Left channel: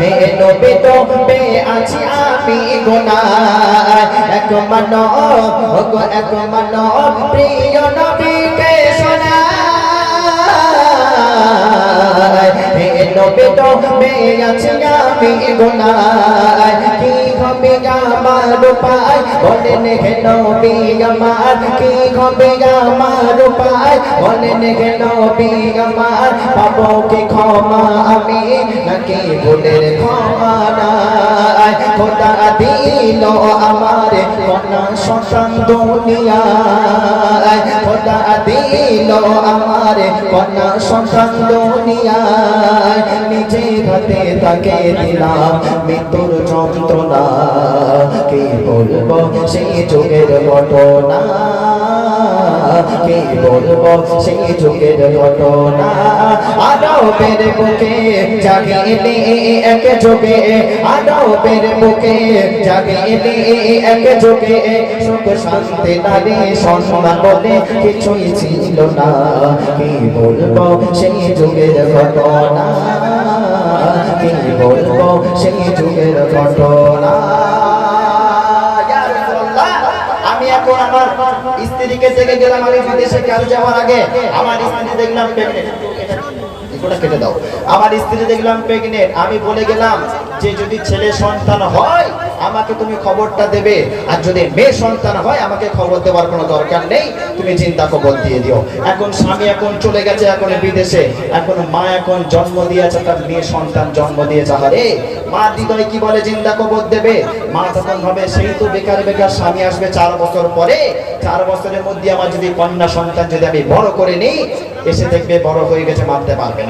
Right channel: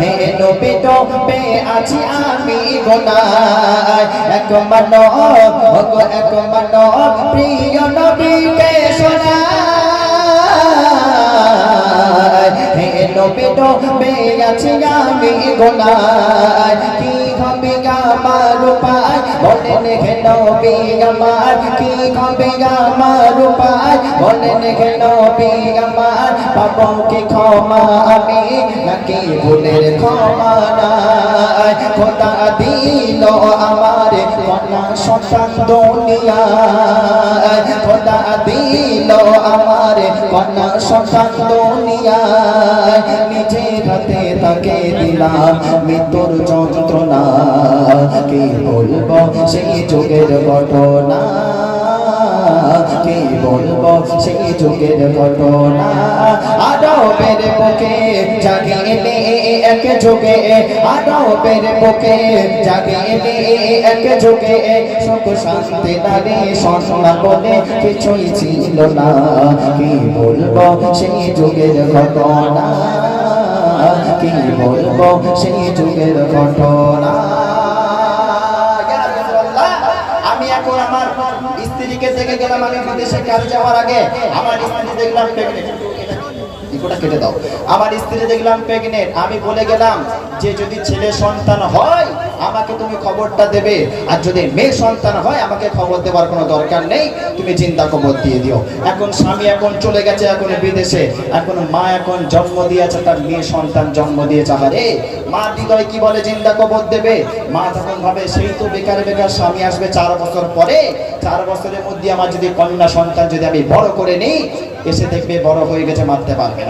হে নবী তো আছি আমি গোনায়। এক মানব গো এক মানব, প্রিয় নবীকে শোনায়। হে নবী তো বে আছি আমি গোনায়। আমার পায় বলেন হে নবী, আমার কি হবে আমার পায় বলেন হে নবী, আমার পাবো কি ক্ষমা? আমি নাকি ভুলের ক্ষমা নাই? খোদা দিল আমার কন্যা সন্তান দুনিয়ায়। খোদা দিল আমার কন্যা সন্তান দুনিয়ায়। তাকে দিলাম মৃত্যুর যন্ত্রণা। কি বলব সেই যুগের ঘটনা? কি বলব সেই যুগের ঘটনা? আরবের বুকে জাগিলে এক যুগে। আরবের বুকে জাগিলে এক যুগে। সুখ শান্তি, নারী সম্মান বলে কিছুই ছিল না। কি বলব সেই যুগের ঘটনা? কি বলব সেই যুগের ঘটনা আমি এখন আমার স্ত্রীকে দেখে গেলাম, আমি বিদেশে কাজে যাওয়ার আগে। আমার স্ত্রী দেখলাম প্রেগনেন্ট কেটে দাও। আমার স্ত্রী দেখলাম, প্রেগনেন্ট, আমি বলে গেলাম যে যদি ছেলে সন্তান হয়, আমাকে তুমি খবরটা দেবে। আর যদি মেয়ে সন্তান হয়, আমাকে খবর দেওয়ার কোনো দরকার নেই। তুমি চিন্তা খবর দিয়ে দিও। এখন স্বামী এখন চলে গেছে, এখন বিদেশে। এখন মা এখন জন্ম দিয়েছে, তার মেয়ে সন্তান জন্ম দিয়েছে আরে মা হৃদয় কি বলে চিন্তা খবর দেবে? মা তখন ভাবে, সেই তো বেকার বেকার স্বামী আসবে চার বছর পরে। চার বছরের মধ্যে আমার যদি কন্যা সন্তান যদি আমি বড় করে নিই, এসে দেখবে বড় হয়ে গেছে, মারতে পারবে না।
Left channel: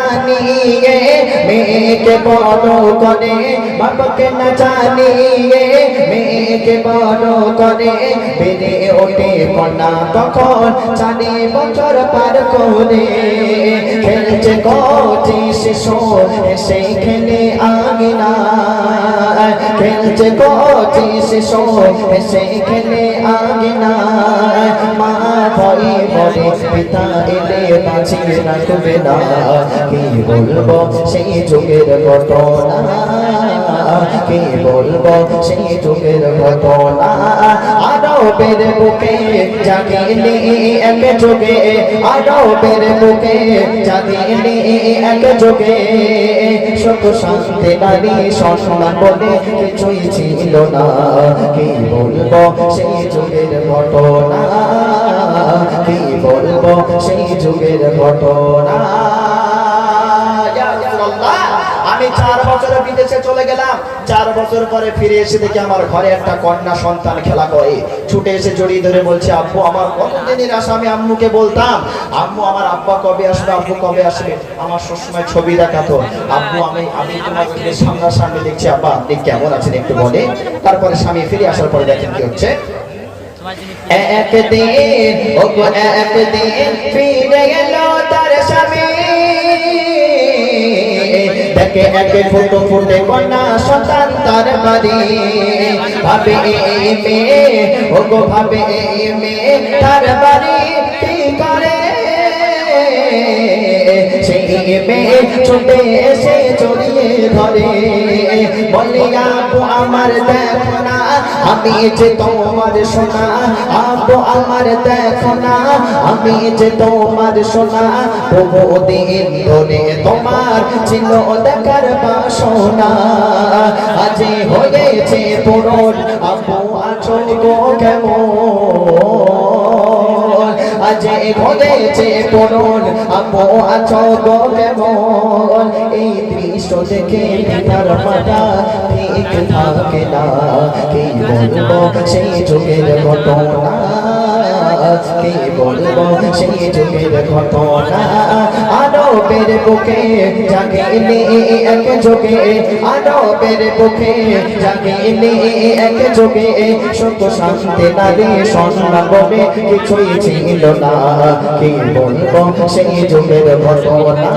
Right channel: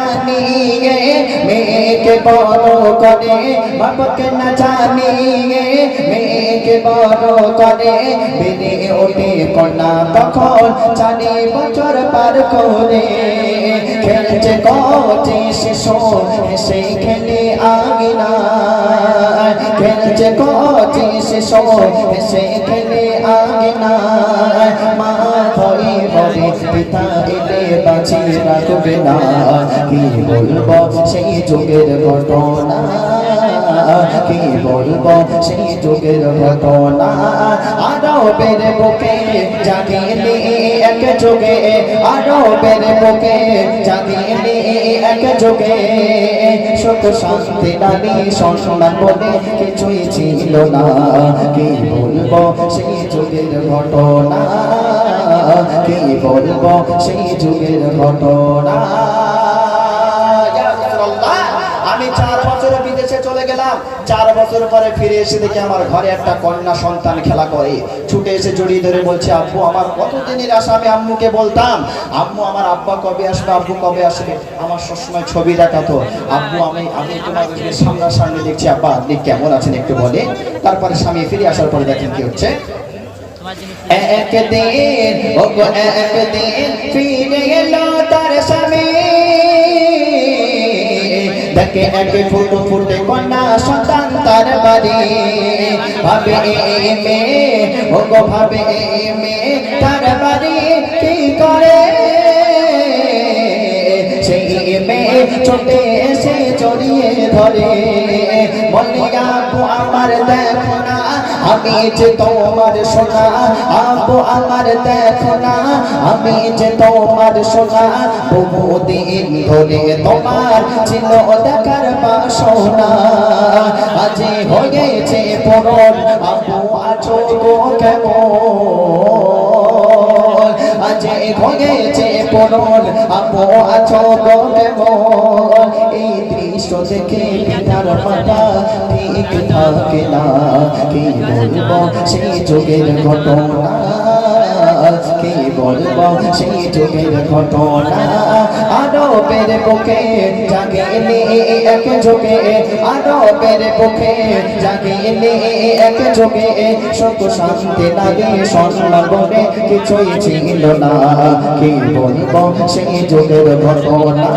জানিয়ে, মেয়েকে বড় করে, বাপুকে না জানিয়ে, মেয়েকে বড় করে। বেড়ে ওঠে কন্যা তখন চারি বছর পার করে। খেলছে কচি শিশু সেই খেলে আগিনা খেলছে কচি শিশু সেই খেলে আগিনা মা বলে পিতা এলে বাঁচিয়ে রাখবে না। কি বলব সেই যুগের ঘটনা? কি বলব সেই যুগের ঘটনা? আরবের বুকে জাগিলে এক যুগে আরবের বুকে জাগিলে এক যুগে। সুখ শান্তি নারী সম্মান বলে কিছুই ছিল না। কি বলব সেই যুগের ঘটনা? কি বলব সেই যুগের ঘটনা। আম্মুকে বলতাম? আম্মু, আমার আব্বা কবে আসবে, আব্বু কবে আসবে? আমার সবসময় ছবি দেখাতো আব্বু, আমি আমি তোমার সামনাসামনি দেখছি। আব্বা, আপনি কেমন আছেন একটু বলে তারপরে স্বামী ফিরে আসার পরে দেখেন কি হচ্ছে। একদিন ও একদিন তার স্বামী। দেখে এক ফুটো ফুটে কন্যা সন্তান ভাবে এই ভাবে এই মেয়ে তার বাড়ি সেই ধরে। বলি, আপু, আমার দেখো না। আমি যে তোমার সোনা, আপু, আমার দেখো না। আমি যে তোমার সোনা, বহুদিন ধরে তোমার ছিল দেখার বাসনা। আজ হয়েছে পূরণ আপু, আছো কেমন? আজ হয়েছে পূরণ আপু চকে মন এই দৃশ্য দেখে পিতার মাতা ঠিক থাকে না। কে বলব সেই যুগের ঘটনা? কে বলব সেই যুগের ঘটনা? আরবের বুকে জাগিলে এক যোগে আরবের বুকে জাগিলে এক যোগে সুখ শান্তি নারী সম্মান বলে কিছুই ছিল না। কি বলব সেই যুগের ঘটনা?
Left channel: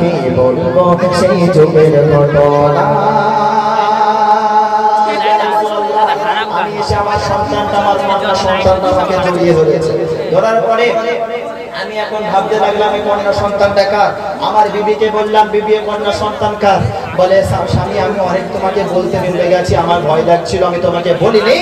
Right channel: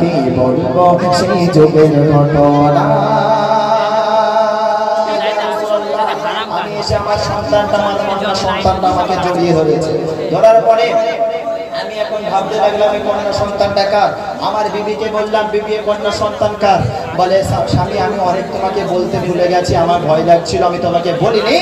কি বলব সেই যুগের ঘটনা? আমার সন্তানটা আমার কন্যা আমাকে জড়িয়ে ধরেছে। ধরার পরে আমি এখন ভাবতে লাগলাম, এই কন্যা সন্তানটা কার? আমার বিবিকে বললাম, বিবি এ কন্যা সন্তান কার? বলে স্বামী, আমি অনেক তোমাকে বলতে ভুলে গেছি, আমার ভয় লাগছিল, আমি তোমাকে বলিনি।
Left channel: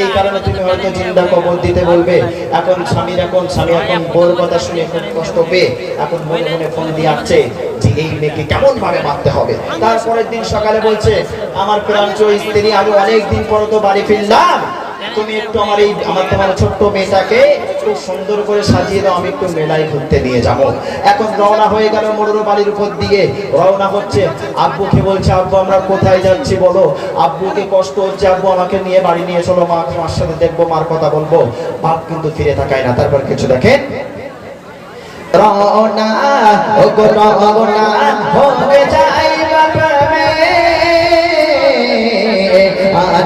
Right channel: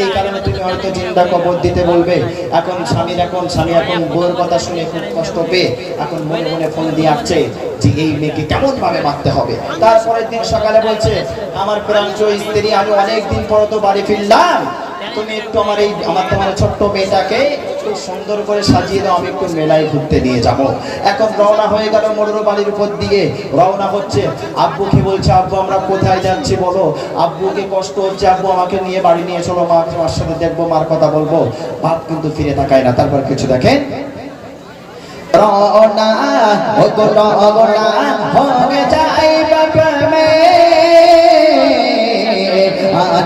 এই কারণে তুমি হয়তো চিন্তা কবর দিতে বলবে। এখন স্বামীর, এখন স্বামী, এখন বউর কথা শুনে খুব কষ্ট পেয়ে এখন মনে মনে ফোন দিয়ে আসছে যে, এই মেয়েকে কেমন ভাবে মারতে হবে? তারপরের দিন সকালে বলছে, আমার প্রাঞ্চ স্ত্রী, আমি অনেক দিন পর তো বাড়ি ফিরলাম। তুমি একটু আমার এই, আমার তোমার ছোট্ট মেয়েটাকে খুব সুন্দর করে সাজিয়ে দাও, আমি একটু মেলায় ঘুরতে নিয়ে যাব। এখন রওনা হয়ে গেল মোটর বাড়ির উপর দিয়ে। রওনা হচ্ছে। আব্বুকে বলছে, আব্বু, আমরা কোথায় যাচ্ছি বলো? আব্বুকে কষ্ট হচ্ছে, আব্বু আমাকে নিয়ে বাড়ি নিয়ে চলো, মা, তোমার সাথে দেখব, মার কথা বলব। বাপ কিন্তু ফিরে তাকায় না। তারপর কিছু মে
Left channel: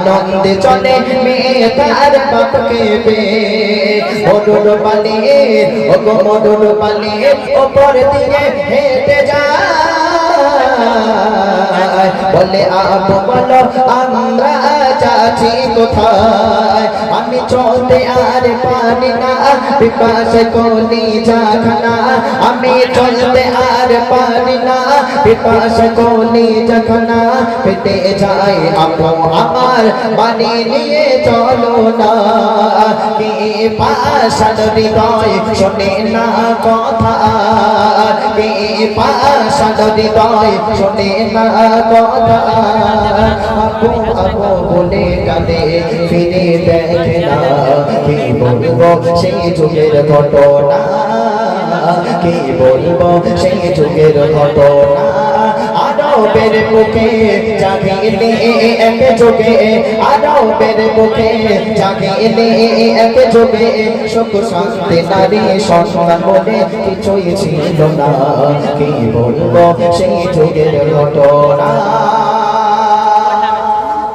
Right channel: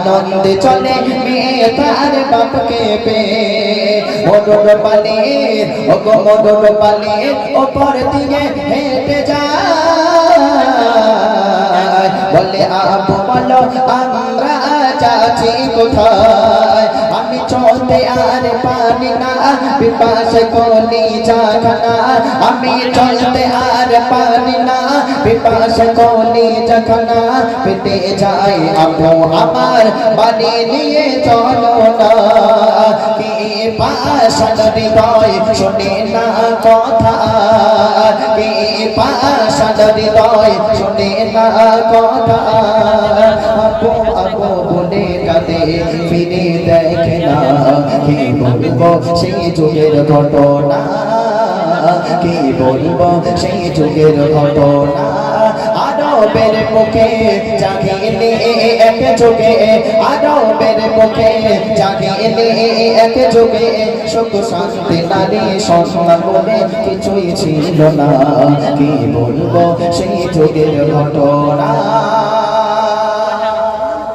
আনন্দে চলে তার বাপকে পে মদন পালিয়ে ও গো মদন পালিয়ে ওপর দিয়ে হেঁটে যায় বলে, আবু বলো, আমরা যাচ্ছি কোথায়? আমি চলতে আর পারি না বিপাস কলি জাখানা আমি চলতে আর পারি না বিপাস কলি জাখানা পেটে যায় আপু আমার বাড়ি নিয়ে চলো না। পাশান হৃদয় শোনে না কথা। কি পাশান হৃদয় শোনে না কথা। আপু আপু বলে কাঁদে ঘটনা। কি বলব সেই যুগের ঘটনা। আরবের বুকে জাগিলে এক যুগে আরবের বুকে জাগিলে এক যুগে সুখ শান্তি, নারী সম্মান বলে কিছুই ছিল না। কি বলব সেই যুগের ঘটনা?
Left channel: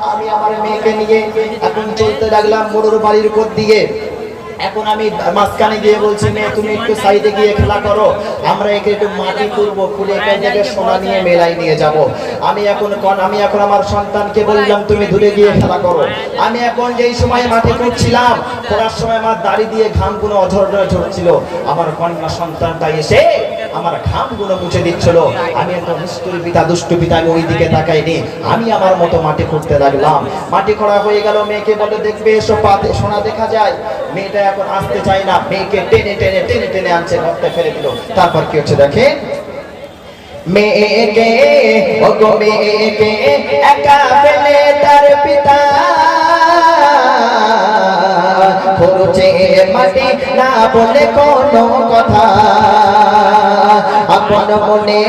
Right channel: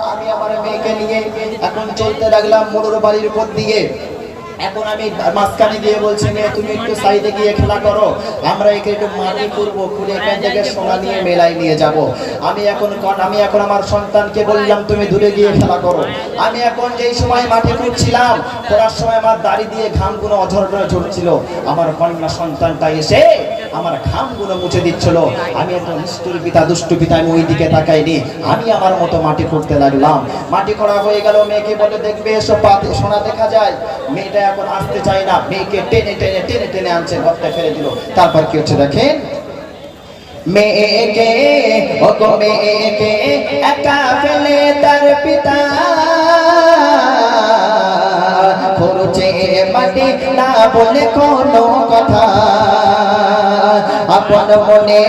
আমি আমার মেয়েকে নিয়ে এখন চলতে লাগলাম মোড়র বাড়ির উপর দিয়ে। এখন আমি মাঝখানে গিয়ে বলছি, মেয়ে, তুমি একটু সাইডে গিয়ে খেলা করো। আমরা একে একটু মাটি করব খুলে এখান থেকে সোনা নিয়ে মেলায় নিয়ে যাব। আমি এখন আমি এখন আমার সন্তানকে বললাম, তুমি দূরে গিয়ে খেলা করো। আমি এখন যেই সময় মাটি করছিলাম করার সময় আমার দাড়ি দিয়ে ঘাম কোনো অঝর ঝরছিল আমার কন্যা সন্তানটা এসে আমার ঘামগুলো মুছে দিচ্ছিল। আমি একটা নিষ্ঠুর পিতা, দুষ্টু পিতা আমি ওই দিকে তাকাইনি। আমি আমার মতো মাটি খুঁড়তে লাগলাম। মাটি খোঁড়া হয়ে গেল, মেয়েকে বলে দেখবে এসব পাতে সোনা দেখা যায়। মেয়েটা এখন আসতে চায় না। মেয়েকে টেনে টেনে টেনে টেনে আনছে ঘরটা ফেলে দিল। তারপর কি হচ্ছে দেখেন? মেয়েকে ও গো মেয়েকে, একা ফেলে তার পিতা পড়ছে মাটি, না বলে কোনো কথা। আপন মনে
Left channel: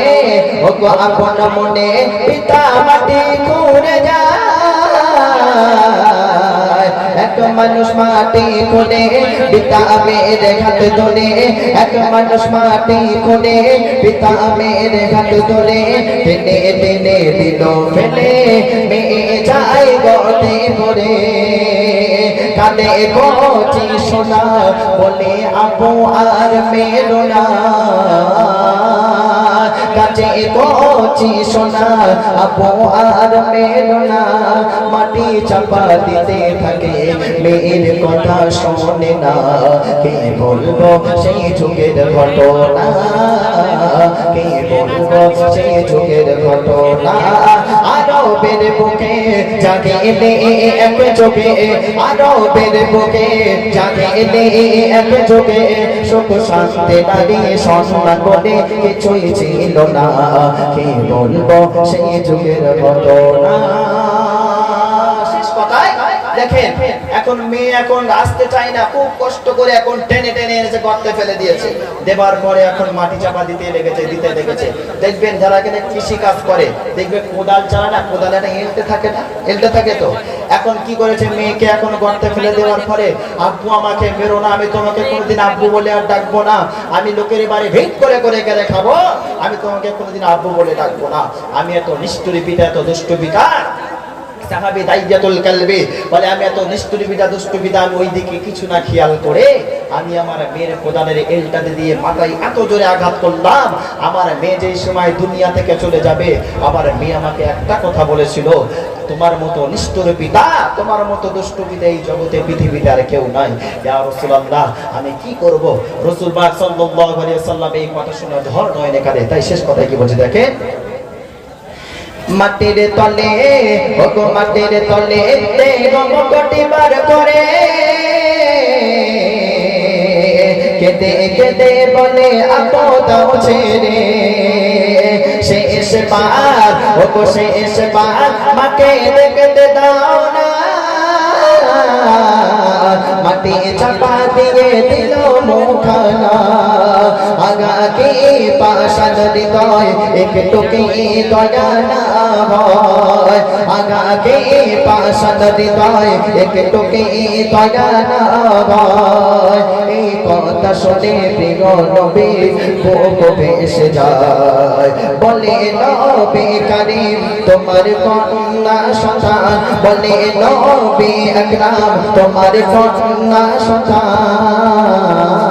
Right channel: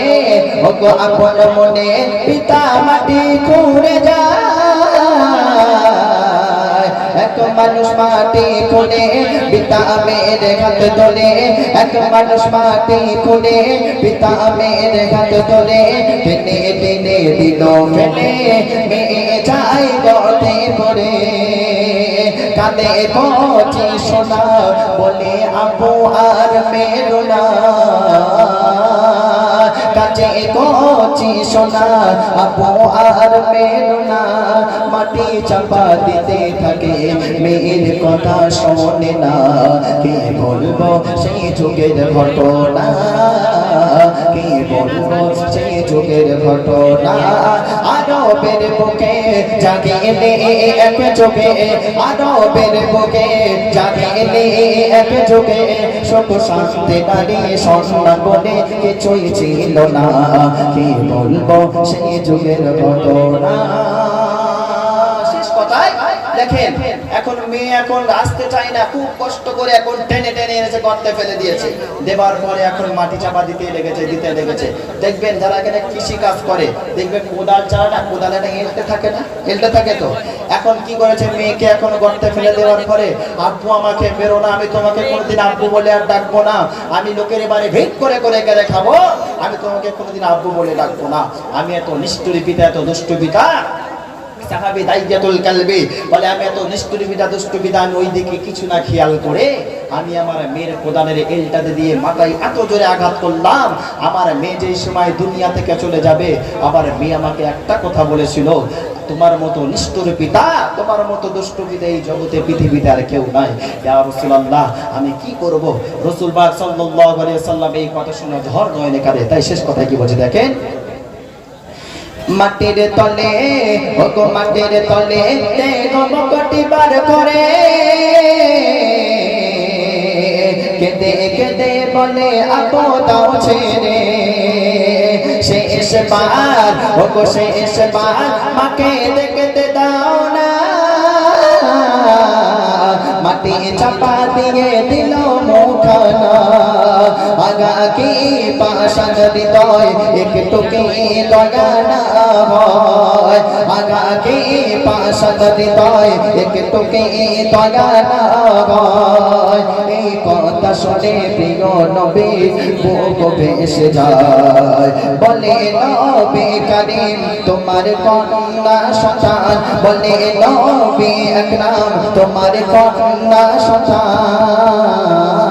ও গো আপন মনে, পিতা মাটি ঘুরে যায়। এক মানুষ মাটি কোলে পিতা মেয়ের হাত তোলে। এক মানুষ মাটি কোলে পিতা মেয়ের হাত তোলে। টেনে টেনে দিল ফেলে মেয়ে যায় গতে করে কানে কচি শোনা বলে, আপু, আর মেরো না। কাছে কচি সোনা আপু আর মেরো না। মাটি চাপা দিতে থাকে, মেয়ের কথা শোনে না। কে বলব সেই যুগের ঘটনা? কে বলব সেই যুগের ঘটনা? আরবের বুকে জাগে এলে এক যোগে আরবের বুকে জাগে এলে এক যোগে সুখ শান্তি দাঁড়িয়ে সম্মান বলে কিছুই ছিল না, কি বলব সেই যুগের ঘটনা? দেখেন, এখন মেয়ে এখন আসতে চায় না, খুব কষ্ট করে এখন টেনে টেনে এনেছে গর্তে ফেলে দিয়েছে। দেবার পরে এখন মাটি চাপা দিতে লেগেছে দিতে লেগেছে। দেখবেন যারা এখানে কৃষি কাজ করে, দেখবেন কোদাল চালাটা কোদাল এটা এলতে থাকে না এলতে থাকে তো। এখন কি করেছে মেয়েকে এখন গর্তে ফেলে দেওয়ার পরে, আব্বু, আমাকে বেরো না, আমি তোমাকে কোনোদিন আব্বু বলে আর ডাকবো না। আমি লোকের বাড়ি ভেট করে করে গেলে খাব। আমি তোমাকে কোনোদিন আব্বু বলে ডাকবো না। আমি এত নিষ্ঠুরি পিতা, এত দুষ্টু পিতা। সাহাবি দাইয়াতুল কালবি বলে, আমি এত নিষ্ঠুরি বিদা দুষ্টু বিদা আমি ওই কিছু না খেয়াল করে আমি আমার মেয়ের প্রদানের এলটাতে দিয়ে মাথায় এত জোরে আঘাত করলাম। আমার মেয়ে যেই সময় দুনিয়া থেকে চলে যাবে আবার মেয়ে আমাকে একটা কথা বলেছিল, তোমার মতো নিষ্ঠুর পিতা তোমার মতো দুষ্টু পিতা এই জগতে, পৃথিবীতে আর কেউ নাই। ইয়া রাসূলুল্লাহ, আমি কি করব? রসুল পাক সাল্লাল্লাহু সাল্লাম এই কথা শুনে ধর কাঁদে। তাই শেষ কথা কি বলছে দেখেন? মাটির তলে, ওগো মাটির তলে গম কোটি বার করে কেঁদে কেঁদে বলে আপদাও ছেড়ে। শেষ বার ওগো শেষ বার মাকে দেখতে দাও না। মাটি চাপা দিয়ে দিল মুখানা। আগাকে পাশান হৃদয় একটু কি দয়া না হয় আগাকে পাশান হৃদয় একটু কি দয়া না হয় এই কথা শুনে প্রিয় নবী বুক ভেসে যায়। বলে, নবী কারিম, তোমার কন্যা সন্তান। বলে, নবী আকরাম, তোমার কন্যা সন্তান।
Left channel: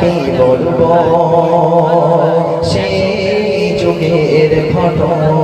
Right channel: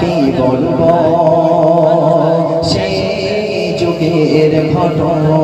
কি বলব সেই যুগের ঘটনা।